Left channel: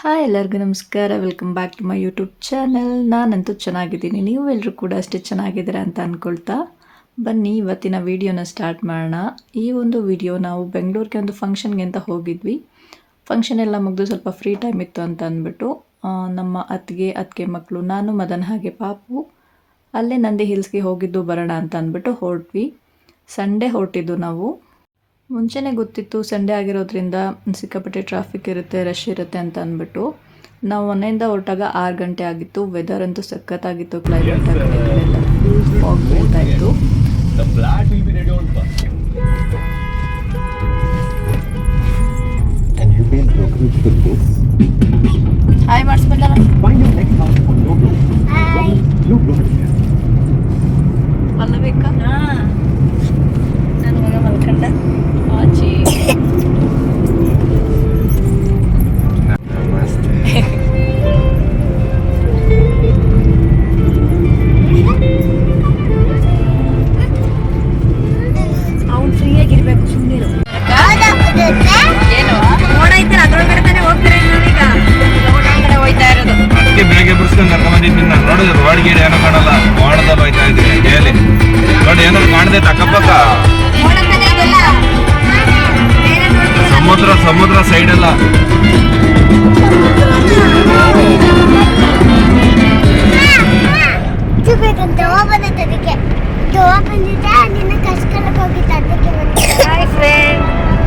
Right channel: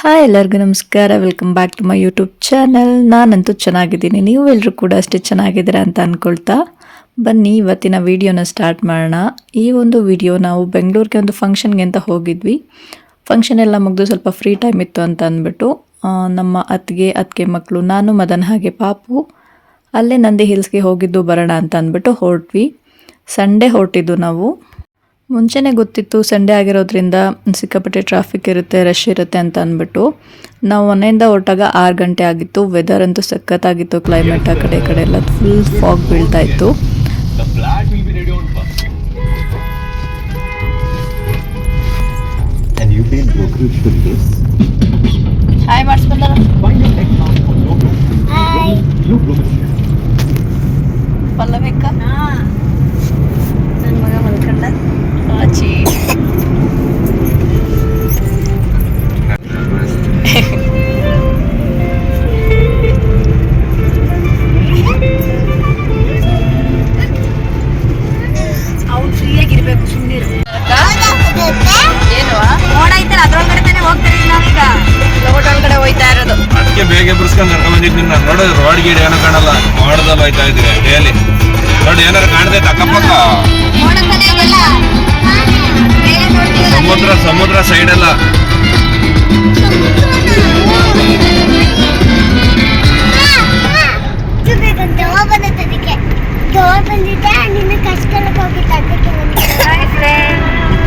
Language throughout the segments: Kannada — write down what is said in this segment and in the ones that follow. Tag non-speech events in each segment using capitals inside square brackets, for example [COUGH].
ಹಾಯ್, ಎಲ್ಲರಿಗೂ ನಮಸ್ಕಾರ. Welcome back to my YouTube channel ನಾನಂತೂ ಚೆನ್ನಾಗಿದ್ದೀನಿ. ನೀವು ಎಲ್ಲರೂ ಕೂಡ ಅಷ್ಟೇ ಚೆನ್ನಾಗಿದ್ದೀರಾ ಅಂತ ಅಂದ್ಕೊಳ್ತಾ ಬನ್ನಿ, ಇವತ್ತಿನ ವಿಡಿಯೋನ ಸ್ಟಾರ್ಟ್ ಮಾಡೋಣ. ಈ ಒಂದು ವಿಡಿಯೋ ನಾವು ಬೆಂಗಳೂರಿಗೆ ಒಂದು ಫಂಕ್ಷನ್ಗೆ ಅಂತ ಹೋಗಿದ್ವಿ. ಫಂಕ್ಷನ್ ಎಲ್ಲ ಮುಗಿದು ಸ್ವಲ್ಪ ಫ್ರೀ ಟೈಮ್ ಇತ್ತು ಅಂತ ಅಂದ್ಬಿಟ್ಟು ನಮ್ಮ ಅತ್ತಿಗೆ ಅತ್ತಿಗೆ ಮಕ್ಕಳು ನಾನು, ಮದನ್ ಹಾಗೆ ಪಾಪು, ಅಲ್ಲೇ ನಂದಿ ಹಿಲ್ಸ್ಗೆ ಹೋಗಿದ್ದು ಬರೋಣ ಅಂತ ಅಂದ್ಬಿಟ್ಟು ಹೊರಟ್ವಿ. ಸಂಡೇ ಹೊರಟಿದ್ದು ನಾವು. ಮುಂಚೆನೇ ಗೊತ್ತಿತ್ತು ಸಂಡೇ ಆಗಿರೋದ್ರಿಂದ ಸಿಕ್ಕಾಪಟ್ಟೆ ಟ್ರಾಫಿಕ್ ಇರುತ್ತೆ ರಶ್ ಇರುತ್ತೆ ಅಂತ ಅಂದ್ಬಿಟ್ಟು. ನಾವು ಮನೆಯಿಂದ ಹೊರಟಾಗ ಆರು ಗಂಟೆ ಆಗಿತ್ತು. ವೆದರ್ ಅಂತೂ ಸಖತ್ತಾಗಿತ್ತು ಕ್ಲೈಮೇಟ್ ಆ ಕಡೆ ಈ ಕಡೆ ಎಲ್ಲ ಫುಲ್ ಫಾಗ್ ಬೀಳ್ತಾ ಇತ್ತು. ಹಾಯ್ ಬೇಗ ಬಿಡಿಸ್ಕೊಂಡು ಕರ್ಕೊಂಡ್ ಬಂದಿದ್ದೀನಿ ನಾನು ನೋಡಿದ್ರೆ ರೋಡ್ ಗೀಡ್ ಏನೋ ಕಾಣಲ್ಲ. ಮೋಡದಲ್ಲಿ ಹೋಯ್ತಾ ಇದ್ವಿ ಡೇಲಿ ನೋಡಿ ಏನಾದ್ರು ಕಾಣದೆ ಅಕ್ಕಪಕ್ಕ? ಸಮುದ್ರ ಸಮುದ್ರ ಸೈಡ್ ಎಲ್ಲ.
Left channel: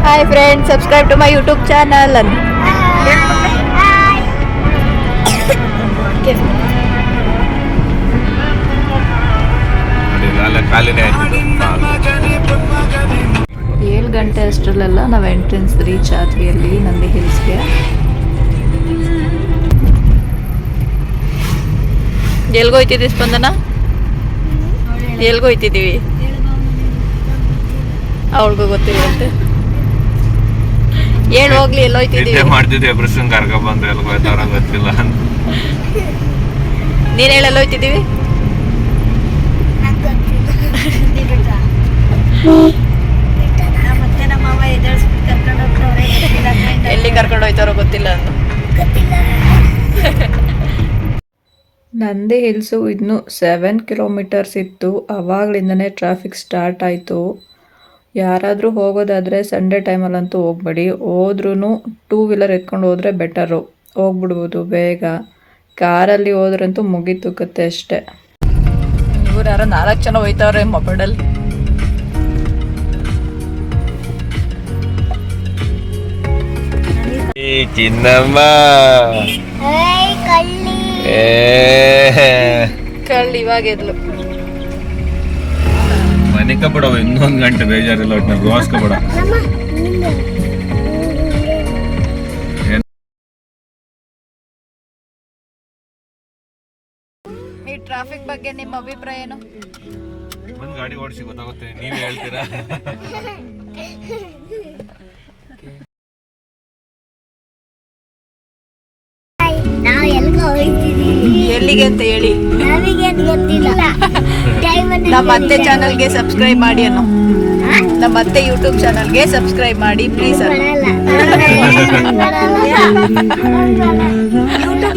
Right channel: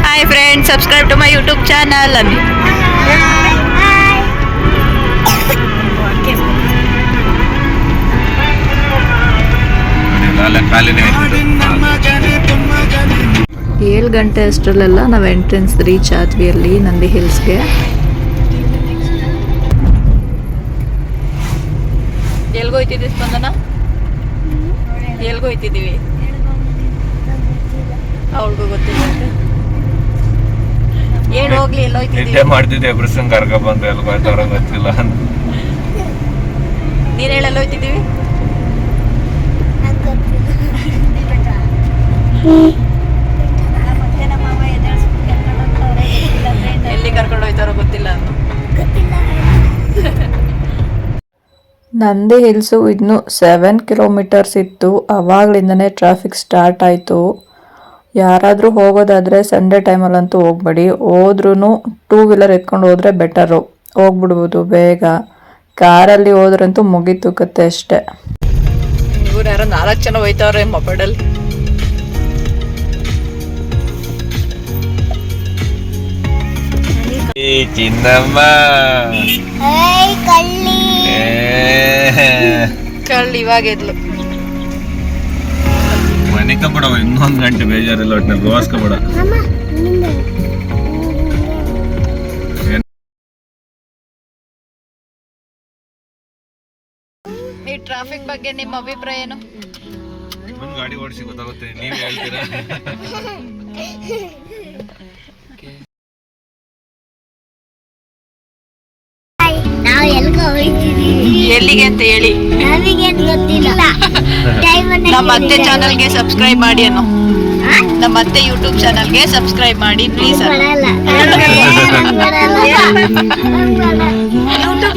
Hi friend subscribe to my YouTube channel ಅನ್ನು ಖಾಲಿನೇ ಏಳು ಗಂಟೆ ಅಷ್ಟರಲ್ಲೆಲ್ಲ ನಾವು ಎಂಟ್ರೆನ್ಸ್ ರೀಚ್ ಆದ್ವಿ ಅಲ್ಲಿ ನಂದಿ ಹಿಲ್ಸ್ಗೆ. ಎಲ್ಗೋಯ್ತಿದ್ವಿ ಸ್ಪಂದನ? ಎಲ್ಗೋಯ್ತಿದ್ದೀವಿ ಅವಳಿಗೂ ಗೊತ್ತಿಲ್ಲಂತೆ ಏನು ಹೋಗ್ಲಿ ನಿದ್ದೆ ಎಲ್ಲೋಯ್ತಿದ್ದೀವಿ ಮಾಡ್ತಿದ್ದೆ ಬಿಡಿಸ್ಕೊಂಡು ಕರ್ಕೊಂಡ್ ಬಂದು ಎಲ್ಲಿ ಗೊತ್ತಿಲ್ಲ ನೀನು ಹೇಳಿ ಎಲ್ಲೋಯ್ತಿದ್ದೀವಿ ನಂಗೆ ಮತ್ತೆ ನಮ್ಮ ಅವ ಎದುರಿಸ್ಬಿಟ್ಟು ಕರ್ಕೊಂಡು ಹೋಗ್ತವ್ರೆ ಎಲ್ಲಿ ಕರ್ಕೊಂಡು ಹೋಯ್ತಾರೋ ಗೊತ್ತಿಲ್ಲ. ನಂದಿ ಹಿಲ್ಸು ಇನ್ನು ಸೆವೆನ್ ಕಿಲೋಮೀಟರ್ಸ್ ಇತ್ತು. ಅವಾಗಲಿಂದನೇ ಟ್ರಾಫಿಕ್ ಸ್ಟಾರ್ಟ್ ಆಯಿತು. ಯಾರಾದರೂ ಹೋಗೋದಾದರೆ ಸಂಡೇ ಟೈಮಲ್ಲಂತೂ ಹೋಗ್ಬೇಡಿ. ಹೋದ್ರೂ ಟೂ ವೀಲರ್ ಎತ್ಕೊಂಡು ಹೋದರೆ ಬೆಟರು ಹೋಗ್ಬಿಡ್ಬೋದು ಬೇಗ. ಕಾರಲ್ಲಿ ಹೋದ್ರಂತೂ ಮುಗಿತುಕತ್ತೆ ಕತೆ ಅಷ್ಟೇ. ಇವ್ರು ಯಾರೋ ನಾಲ್ಕು ಜನ ಹೋಯ್ತವ್ರೆ ಮೊಬೈಲಲ್ಲಿ ಈ ಚಿನ್ನಮ್ಮ. ಕಳ್ಳಿ. ಇವಾಗ ಎದ್ಲು. ಮನಿಕ ಬಿಡವ ಇನ್ನೊಂದ್ ಗಂಟೆ ಬೇಜಾರಿಲ್ಲ ಒಟ್ಟಿನ ನಮ್ಮ ನಿನ್ನ ಈ ಟ್ರಾಫಿಕ್ ಬಗ್ಗೆ ನಿಮ್ಮ ಅಭಿಪ್ರಾಯ ಏನು? ಗಾಡಿ ಓಡಿಸಿ ಗೊತ್ತಾಗುತ್ತೆ ನೀವ್ ಹೇಳ್ತೀರಾ? [LAUGHS] ಎಲ್ಲಿಗೆ ಅಂತ ಹೇಳಿ. ನಮಗೇನ್ ಗೊತ್ತಿಲ್ಲ. [LAUGHS] ನಮ್ಮ ಅತ್ತೆ ಚಾನಲ್ಗೆ ಸಬ್ಸ್ಕ್ರೈಬ್ ಮಾಡಿ ಅನ್ನೋ. [LAUGHS] ನಮ್ಮ ಅತ್ತೆ ಯೂಟ್ಯೂಬ್ ಚಾನಲ್ಗೆ ಸಬ್ಸ್ಕ್ರೈಬ್ ಮಾಡಿ ಪ್ಲೀಸ್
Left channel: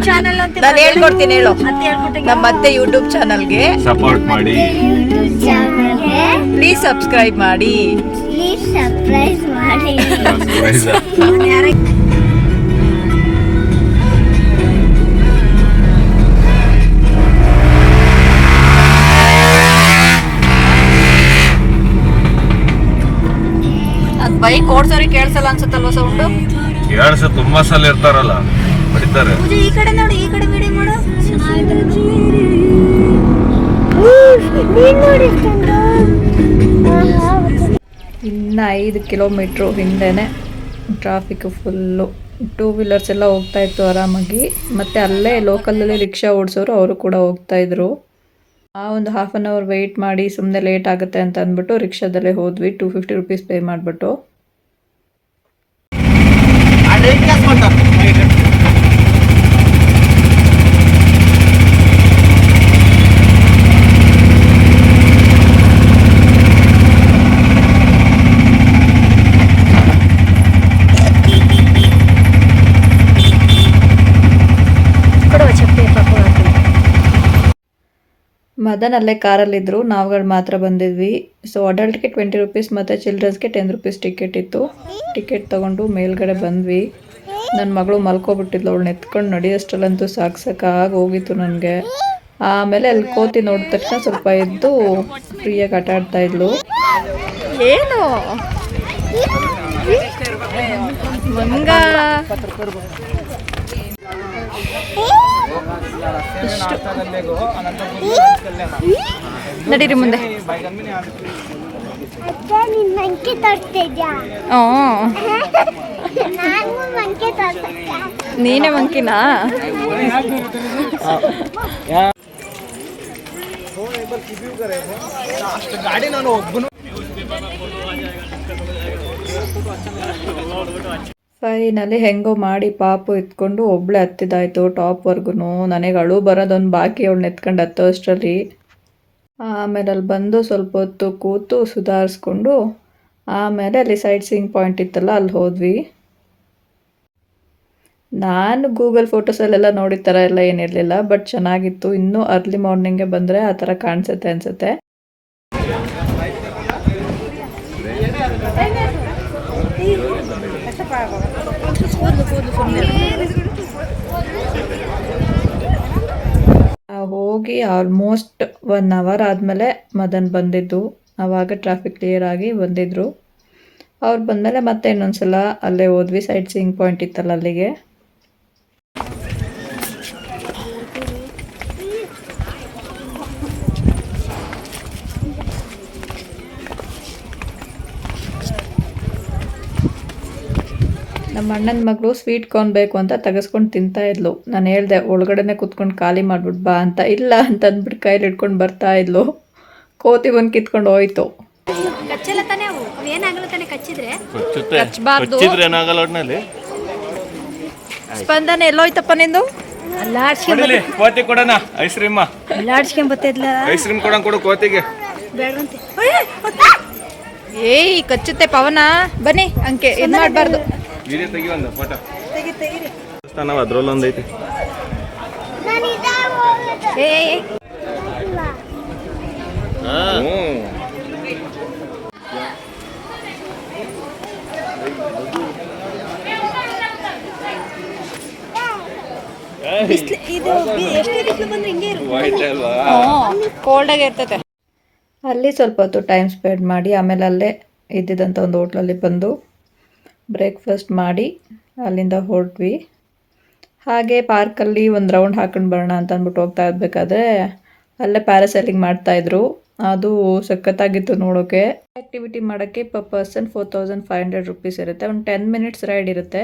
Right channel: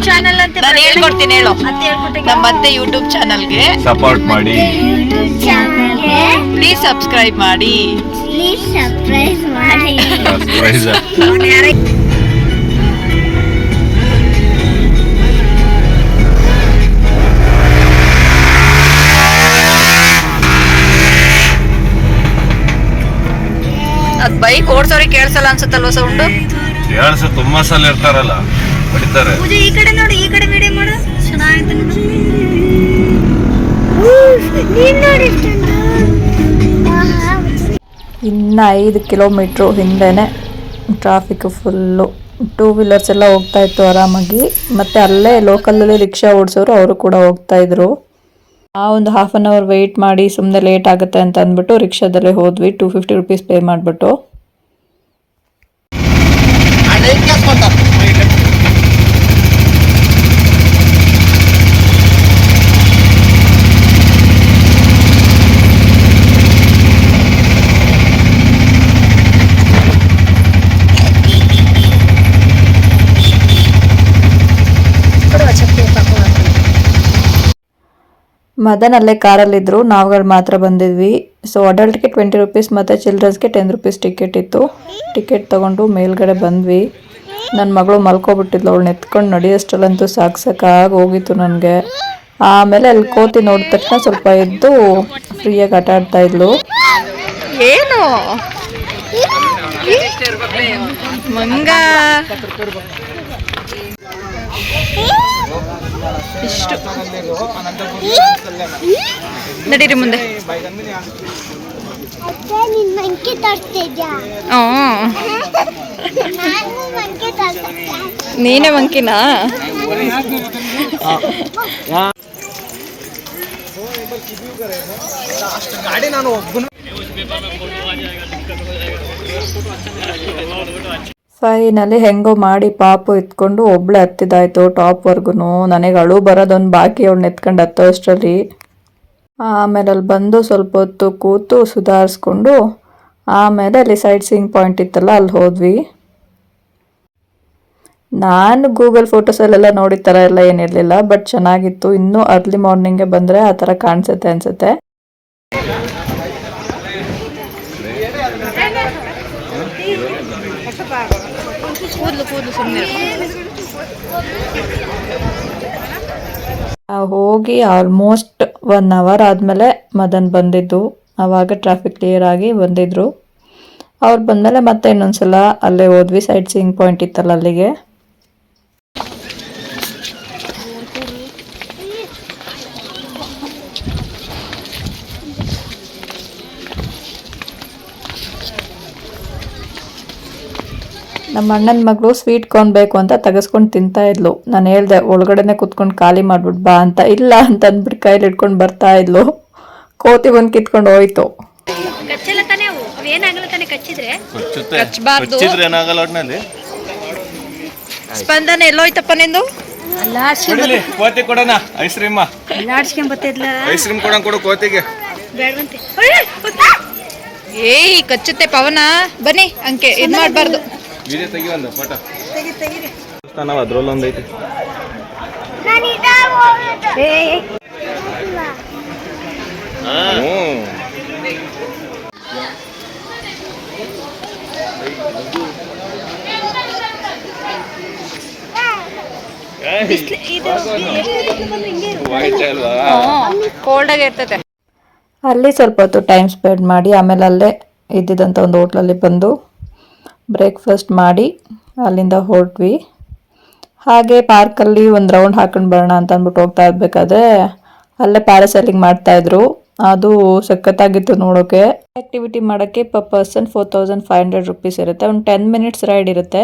ಚಾನಲ್ ಅಂತ ನಾನು ಹೇಳ್ಕೊಡ್ತೀನಿ ಹೇಳು. ನಮ್ಮ ಅತ್ತೆ ಯೂಟ್ಯೂಬ್ ಚಾನಲ್ಗೆ ಸಪೋರ್ಟ್ ಮಾಡಿ. ಪ್ಲೀಸ್ ಸಬ್ಸ್ಕ್ರೈಬ್ ಮಾಡಿ. ಪ್ಲೀಸ್ ಸಬ್ಸ್ಕ್ರೈಬ್ ಮಾಡಿ. ಬೈಕ್ ಓಡ್ಸೋರಿಗೆ ಕೇಳಿಸಲ್ಲ ಅನ್ಸುತ್ತಲ್ವ ಸೌಂಡ್ ಕೇಳಿಸ ತುಂಬಾ ಸಲ ಇರ್ತಾರಲ್ಲ ಹೊಡಿತಾರೆ. ಪೂಜೆ ಈ ಕಡೆ ನೋಡು ಈ ಕಡೆ ವಿಡಿಯೋ ಮಾಡು. ಚೆನ್ನಾಗಿತ್ತು ನೋಡು. ನೀನ್ ನೋಡಿ ಇಷ್ಟೊಂದು ಆಹಾ, ಇನ್ನು ಐದು ಕಿಲೋಮೀಟ್ರು ಹಿಂದೆನೆ ಟ್ರಾಫಿಕ್ ಫುಲ್ಲು ಟೂ ವೀಲರ್ಸ್ ಎಲ್ಲ ಹೋಗ್ತಾ ಇತ್ತು ಆರಾಮಾಗಿ. ಮತ್ತೆ ಅಲ್ಲೇ ಲೋಕಲಲ್ಲಿ ರಿಕ್ಷಾ ಓಡಿಸೋರು ಅವರು ಕೂಡ ಹೋಗ್ತಾ ಇದ್ರು. ಆ ಒಂದು ಹಾಫ್ ಆನ್ ಅವರ್ ವೆಯ್ಟ್ ಮಾಡಿ ಸುಮ್ಮನೆ ಲೇಟ್ ಆಗುತ್ತೆ ಅಂತ ಅಂದ್ಬಿಟ್ಟು ರಿಕ್ಷಾದಲ್ಲೇ ಹೋದ್ವಿ. ಟೂ ಫಿಫ್ಟಿ ರುಪೀಸ್ ಪೇ ಮಾಡಿಬಿಟ್ಟು. లైట్ వేసుకుంటారు ಮದನ್ ಅಲ್ಲೇ ಕಾರಲ್ಲಿದ್ದರು ನಾವುಗಳು ಮಾತ್ರ ಬಂದಿದ್ವಿ. ಸೊ ಅಡಲ್ಟ್ಗೆ ಟ್ವೆಂಟಿ ರುಪೀಸ್ ಮತ್ತು ಚಿಲ್ಡ್ರನ್ಸ್ಗೆ ಟೆನ್ ರುಪೀಸ್ ಟಿಕೆಟ್ ಇತ್ತು. ಟಿಕೆಟ್ ತೊಗೊಂಡು ಮೇಲ್ಗಡೆ ಬಂದ್ವಿ. ನನ್ನ ಮಗಳು ಮಲ್ಕೊಬಿಟ್ಟಿದ್ಲು, ಅವಳು ನೆತ್ಕೊಂಡು ನಡೆಯೋಷ್ಟಲ್ಲಂತೂ ಸಾಕು ಸಾಕಾಗಿ ಹೋಗಿತ್ತು ನನಗೆ. ಆಮೇಲೆ ಅಲ್ಲಿ ಕೋತಿ ನೋಡಿದ ತಕ್ಷಣ ಸ್ವಲ್ಪ ಎದ್ದು ಫ್ರೀಯಾಗಿ ಆಟ ಆಡ್ತಾ ಇದ್ಲು. ಏನು? ಮಂಗ? ಇಷ್ಟು. ನಡೀರಿ ಮುಂದೆ. ಅತ್ತೆ ಮಂಕಿನಾ ಹ್ಞೂ. ನಾನು ನೀನೇ ಮಂಕಿನಾ? ಫೈನಲಿ ಹೆಂಗೋ ಮಾಡಿ ಪಾಪು ಎತ್ಕೊಂಡು ಒಬ್ಳೆ ಹತ್ತಿದಾಯ್ತು ಟಾಪ್ವರ್ಗೂ ನನಗೆ ಅಳು ಬರೋದೊಂದು ಬಾಕಿ ಅವಳನ್ನ ಎತ್ಕೊಂಡು ಹತ್ತೋ ಅಷ್ಟರಲ್ಲಿ. ಆಮೇಲೆ ಅಲ್ಲಿ ಬಂದು ಸ್ವಲ್ಪ ಹೊತ್ತು ಕೂತು ಸುಧಾರಿಸ್ಕೊಂಡು ಆಮೇಲೆ ಅಲ್ಲಿ ಸೈಟ್ ಸೀಯಿಂಗ್ ಪಾಯಿಂಟ್ ಇತ್ತಲ್ಲ ಅಲ್ಲಿ ಹೋದ್ವಿ. ನಾನು ಗೂಗಲ್ ಫೋಟೋಸಲ್ಲೆಲ್ಲ ನೋಡಿದ ಥರ ಎಲ್ಲ ಏನಿರಲಿಲ್ಲ ಬಟ್ ಚೆನ್ನಾಗಿತ್ತು. ಇನ್ನೂ ಅರ್ಲಿ ಮಾರ್ನಿಂಗೇ ಬಂದರೆ ಆ ಥರ ಕಾಣಿಸುತ್ತೆ ಅನಿಸುತ್ತೆ. ಹೋಗಿ ಆಲ್ಮೋಸ್ಟ್ ಒನ್ ಅವರ್ ಆದಮೇಲೆ ಮದನ್ ಬಂದಿದ್ದು. ಆವಾಗ ಟ್ರಾಫಿಕ್ ಕ್ಲಿಯರ್ ಆಗಿ ಬಂದಿದ್ರು. ಅವ್ರು ಬಂದಮೇಲೆ ಮತ್ತೆ ಇನ್ನೊಂದ್ಸಲ ಅಲ್ಲೇ ಹೋದ್ವಿ ಸೈಟ್ ಸೀಯಿಂಗ್ ಪಾಯಿಂಟ್ ಇತ್ತಲ್ಲ ಅಲ್ಲಿಗೆ. ನಮ್ಮ ಅಣ್ಣನ ಮಗಳು ಸ್ವೀಟ್ ಕಾರ್ನ್ ಬೇಕು ಅಂತ ತೆಗೆಸ್ಕೊಂಡು ತಿಂತಾ ಇದ್ಲು. ನಾನು ಹೇಳ್ದೆ ಒಳಗಡೆನೆ ಕುತ್ಕೊಂಡು ಖಾಲಿ ಮಾಡ್ಬಿಟ್ಟು ಬಾ ಅಂತ. ಇಲ್ಲ ಅಂತ ಅಂದ್ಬಿಟ್ಟು ಕೈಲಿ ಇಟ್ಕೊಂಡು ಬರ್ತಾ ಇದ್ಲು. ಕೋತಿ ಬಂದು ಕಿತ್ಕೊಂಡು ಹೋಯ್ತು. ಸ್ಪಂದನೆ ಎಲ್ಲೋಯ್ತಪ್ಪ ನಿಂದು? ಕೋತಿ ಕೊಡೋಣ. ಐಸ್ ಕ್ರೀಮ್ ಐಸ್ ಕ್ರೀಮ್ ಕೊಡೋಣ ಕೊಡು ಕೋತಿಗೆ. ಏಯ್ ಕಚ್ಚುತ್ತೆ ಪವನ. ಬನ್ನಿ ಅಂಕೆ ಇದು ಮಾಡಬಾರ್ದು. ವಿಡಿಯೋ ತೆಗಿ ಒಂದು ಫೋಟೋ ಐತಿ ಕೋಲ್ಡ್ ಅಲ್ಲಿ ಸ್ವಲ್ಪ ಹೊತ್ತು ಟೈಮ್ ಸ್ಪೆಂಡ್ ಮಾಡಿ ಆಮೇಲೆ ಅಲ್ಲೇ ಇದ್ದಿದ್ದಂಥ ಒಂದು ಹೋಟ್ಲಲ್ಲಿ ಬಂದು ಬ್ರೇಕ್ಫಾಸ್ಟ್ ಮಾಡಿ ಅಲ್ಲಿಂದ ಹೊರಟ್ವಿ. ಹಾಗೆ ಪಾರ್ಕಲ್ಲಿ ಒಂದು ರೌಂಡ್ ಹಾಕೊಂಡು ಬರೋಣ ಅಂತ ಅಂದ್ಬಿಟ್ಟು ಹೋಗ್ತಾ ಇರಬೇಕಾದ್ರೆ ಅಲ್ಲೇ ಪ್ಯಾರಾಸೈಲಿಂಗ್ ಮಾಡ್ತಾಯಿದ್ರು ಅದು ಸಖತ್ತಾಗಿತ್ತು ನೋಡೋಕ್ಕೆ ಆ್ಯಕ್ಟಿವಿಟಿ ಮಾಡೋಕ್ಕೆ per person four thousand five hundred rupees ಇರುತ್ತೆ. ಒಂದು ಟೆನ್ ಮಿನಿಟ್ಸ್ ರೈಡ್ ಇರುತ್ತೆ.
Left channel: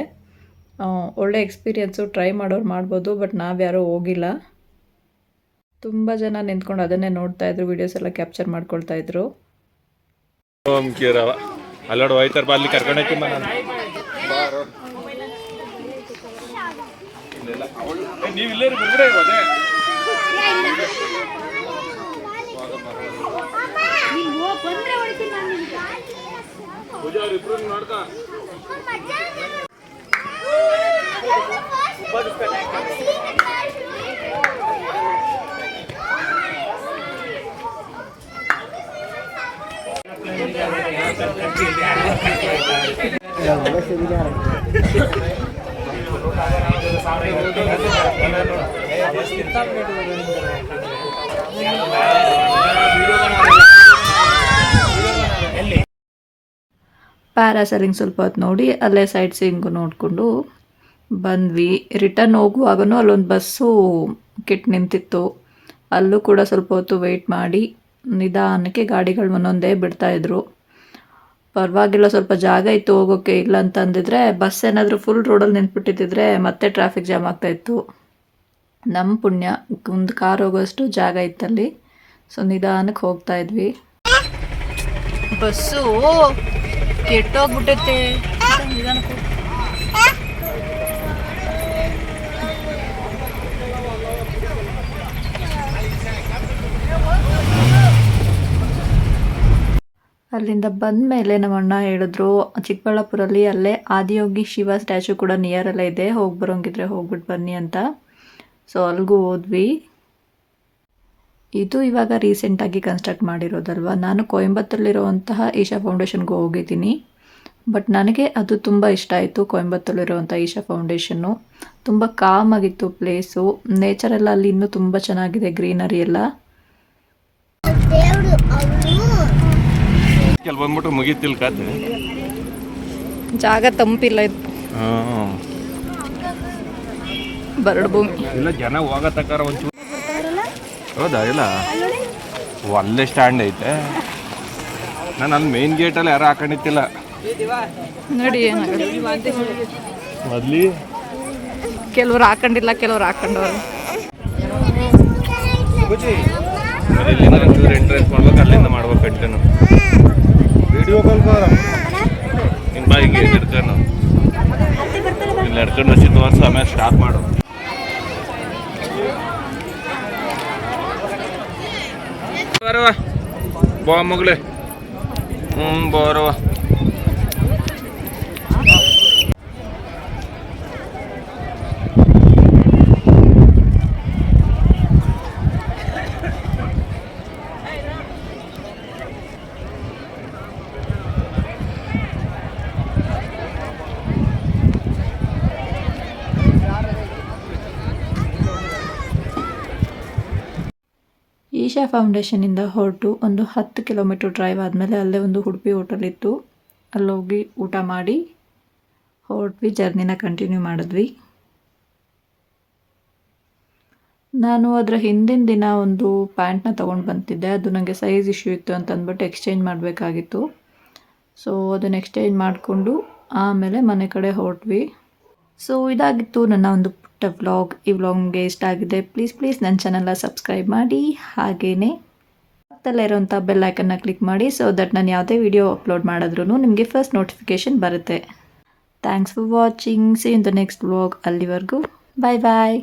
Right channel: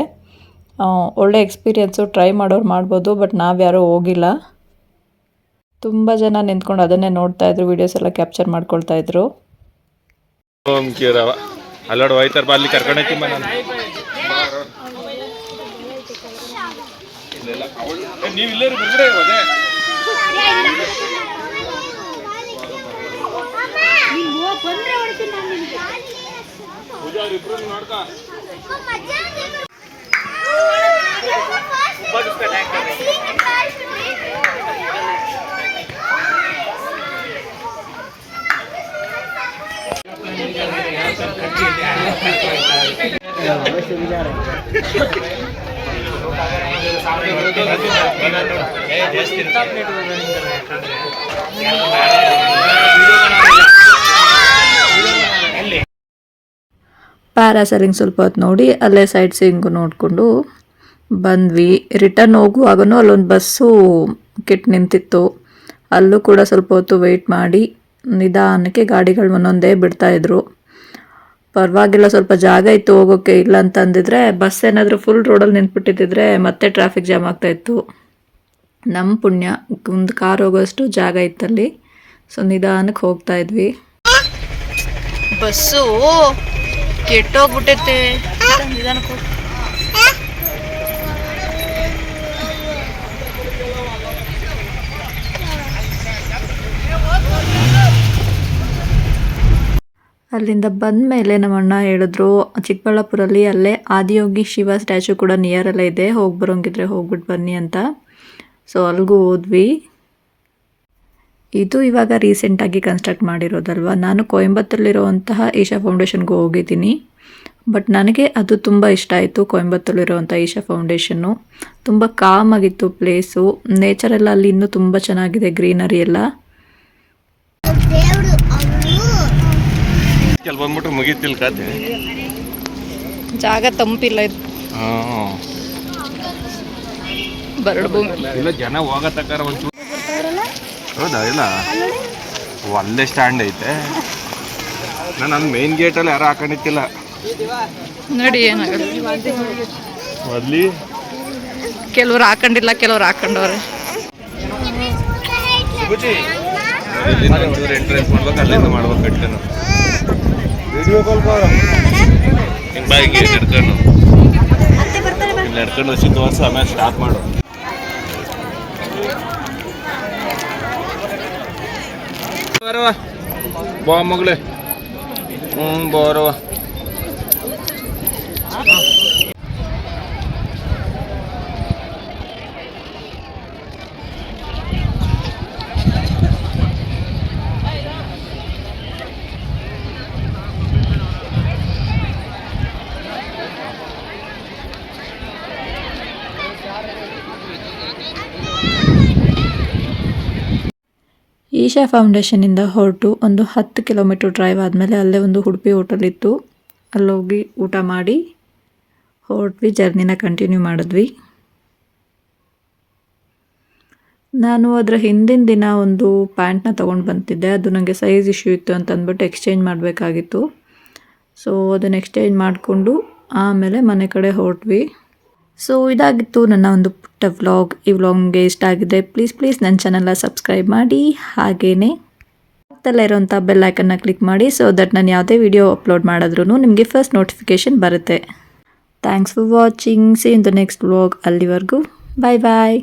ಒಳ್ಳೆ ಎಕ್ಸ್ಪೀರಿಯೆನ್ಸು ಟ್ರೈ ಮಾಡೋರು ಮಾಡ್ಬೋದು ಬಟ್ ನಾವ್ಯಾರೂ ಹೋಗಿಲ್ಲ. ತುಂಬ ಜನ ನಿಂತ್ಕೊಂಡು ಅದನ್ನೇ ನೋಡ್ತಾ ವೀಡಿಯೋಸ್ ಎಲ್ಲ ಕ್ಯಾಪ್ಚರ್ ಮಾಡ್ಕೊಳ್ತಾ ಇದ್ರು. ಓಂ ಕೀರವ. ಅಲ್ಲೋಡು ಹೋಯ್ತಾರ ಬಾ ಅಲ್ಲಿ ಕರ್ಕೊಂಡು ಹೋಗ್ತೀನಿ ಬಾ ನಾನು. ನೀವು ಇಲ್ಲೇ ಪ್ಯಾರಾಸೈಲಿಂಗ್ ಸ್ವಲ್ಪ ಹೊತ್ತು ನೋಡಿ, ಅಲ್ಲೇ ಸೈಡ್ ಸೀಯಿಂಗು ನೋಡಿಕೊಂಡು ಬಂದ್ವಿ. ರಿಟರ್ನ್ ಹೋಗುವಾಗೂ ಅಲ್ಲೊಂದು ಬಸ್ಸು ಕೆಟ್ಟು ನಿಂತಿತ್ತು. ಅಲ್ಲೂ ಕೂಡ ಸ್ವಲ್ಪ ಹೊತ್ತು ವೆಯ್ಟ್ ಮಾಡಿ, ನಿಧಾನಕ್ಕೆ ಗಾಡಿಗಳು ಒಂದೊಂದೇ ಬಿಡ್ತಾಯಿದ್ರು ಪರವಾಗಿಲ್ಲ, ಸ್ವಲ್ಪ ಜಾಗ ಇತ್ತು ಹೋಗೋಕ್ಕೆ ಇಲ್ಲ ಅಂತ ಅಂದಿದ್ರೆ ಬಸ್ ಏನಾದರೂ ಫುಲ್ ರೋಡಲ್ಲಿ ನಿಂತ್ಬಿಟ್ಟಿದ್ದಿದ್ರೆ ಮತ್ತೆ ಟ್ರಾಫಿಕ್ ಜಾಮ್ ಆಗ್ತಾಯಿತ್ತು ನಮ್ಮ ಪುಣ್ಯ, ಒಂದು ಕಾರ್ ಹೋಗೋಷ್ಟು ಜಾಗ ಇತ್ತಲ್ಲಿ. ಸೊ ನಿಧಾನಕ್ಕೆ ಹೋಗ್ತಾ ಇದ್ವಿ. ಬಸ್ಸು ಕೆಟ್ಟೋಗ್ಬಿಟ್ಟೈತೆ. ನಿಧಾನಕ್ಕೆ ಹೋಗು. ಅಲ್ಲಿಂದ ಬಂದ ಮೇಲೆ ನಮ್ಮ ಅಣ್ಣ ಹೇಳಿದ್ರು, ಚಿಕ್ಕಬಳ್ಳಾಪುರಲ್ಲಿ ಅಲ್ಲೇ ಆದಿಯೋಗಿ ಶಿವ ಸ್ಟ್ಯಾಚು ಕೂಡ ನಿಯರಲ್ಲೇ ಇದೆ, ಹೋಗಿ ಬರೋಂಗಿದ್ರೆ ಹೋಗ್ಬಿಟ್ಟು ಬನ್ನಿ ಅಂತ. ಸೊ ಅಲ್ಲಿಗೂ ಹೋದ್ವಿ. ಇದು ಇವಾಗ ರೀಸೆಂಟಾಗಿ ಕನ್ಸ್ಟ್ರಕ್ಟ್ ಮಾಡಿರೋದಲ್ವ? ನಾನು ಕೊಯಂಬತ್ತೂರಲ್ಲಿರುವಂತಹ ಈಶಾ ಫೌಂಡೇಶನ್ಗೂ ಹೋಗಿದ್ದೀನಿ. ಬಟ್ ನನಗೆ ಅದು ತುಂಬ ಇಷ್ಟ ಆಯಿತು ಕೊಯಂಬತ್ತೂರಲ್ಲಿರುವಂಥ ಈಶಾ ಫೌಂಡೇಶನ್ನು ತುಂಬ ಕಾಮ್ ಆಗಿತ್ತು ಪ್ಲೇಸು ನೇಚರೆಲ್ಲ ಎಲ್ಲ ಅಲ್ಲಿ ಇನ್ನೂ ತುಂಬ ಚೆನ್ನಾಗಿದೆ ಗ್ರೀನರಿ ಎಲ್ಲ. ಕೆಲ್ ಬಂದ್ಬಿಟ್ರೆ ಮುಗೀತಿಲ್ ಕಾತೆ ಜಾಗ ತಂಪಿಲ್ಲ ಇದು. ಬರಡು ಭೂಮಿ. ಇಲ್ಲ ಜನ ಹೋಗತ್ತಕ್ಕಾರ ಒಂಚೂರು ಹೌದಾ ಇಲ್ಲ ಒಂದೇ ಸ್ಟ್ಯಾಂಡ್ ಐತೆ. ನಾನು ಅಲ್ಲಿ ಮೇನ್ ಗೇಟಲ್ಲಿ ಯಾರು ಹಾಕೊಂಡಿತ್ತಿಲ್ಲ ನೋಡಿ ಏನಾಗಲ್ಲ ಅಲ್ಲಿ? ಕೆಲವ್ರು ಹಾಕೊಂಡಿಲ್ಲ ಕೆಲವ್ರು ಹಾಕೊಂಡವ್ರೆ. ಇಲ್ಲಿಂದ ಒಂಚೂರು ಎಂಟ್ರೆನ್ಸ್ ಮಾಡ್ಬೇಕು ಅಲ್ಲಿಂದ ಮಾಡ್ಬೇಕು ಇಟ್ಕೊಂಡು. ವಿಡಿಯೋ ಕಾಲ್ ಇಲ್ಲಿ ಹಿಡ್ಕೊಂಡು ಹಚ್ಚಿ ತೋರಿಸು ಆಮೇಲೆ ಸ್ಟಾಪ್ ಮಾಡು. ಬರವ ಬಾ ಮಗಳೇ. ಹ್ಞೂ ಬರವ ಈಶಾ ಫೌಂಡೇಶನಿಂದ ಹೊರಟು ಒಂದು ಹತ್ತು ಕಿಲೋಮೀಟರ್ ಡ್ರೈವ್ ಆದಮೇಲೆ ಅಲ್ಲೇ ಒಂದು ಉಡುಪಿ ಹೋಟೆಲ್ ಇತ್ತು. ಅಲ್ಲೋಗಿ ಊಟ ಮಾಡಿ, ಹೊರಟ್ವಿ ಜರ್ನಿನ ಕಂಟಿನ್ಯೂ ಮಾಡಿದ್ವಿ. ನಾನು ಅದರ ಹಿಂದಿನ ದಿನ ಒಂದು ಪ್ಯಾಂಟ್ನ ತೊಗೊಂಡು ಬಂತಿದ್ದೆ. ಅದು ನನಗೆ ಸೈಜ್ ಇಶ್ಯೂ ಇತ್ತು ಅಂತ ಅಂದ್ಬಿಟ್ಟು ಎಕ್ಸ್ಚೇಂಜ್ ಮಾಡಬೇಕಾಗಿತ್ತು. ಸೊ ಅದನ್ನು ಎಕ್ಸ್ಚೇಂಜ್ ಮಾಡಿಕೊಂಡು ಆಮೇಲೆ ಮನೆ ಕಡೆ ಹೊರಟ್ವಿ. ಸೊ ಇದಾಗಿತ್ತು ನನ್ನ ಒಂದು ಪುಟ್ಟ ವ್ಲಾಗ್. ಈ ವ್ಲಾಗ್ ನಿಮಗೆ ಇಷ್ಟ ಆಗಿದೆ ಪ್ಲೀಸ್ ಪ್ಲೀಸ್ ನನ್ನ ಚಾನಲ್ನ ಸಬ್ಸ್ಕ್ರೈಬ್ ಮಾಡಿ. ಹಾಗೆಯೇ ಪಕ್ಕದಲ್ಲೇ ಇರೋಂಥ ಬೆಲ್ ಐಕನ್ನ ಕ್ಲಿಕ್ ಮಾಡಿ ಸೊ ದಟ್ ನಾನು ಯಾವುದೇ ವಿಡಿಯೋ ಅಪ್ಲೋಡ್ ಮಾಡಿದ್ರೂ ನಿಮಗೆ ಫಸ್ಟ್ ನೋಟಿಫಿಕೇಷನ್ ಬರುತ್ತೆ. Thanks for watching see in the next vlog ಅಲ್ಲಿವರೆಗೂ. Bye bye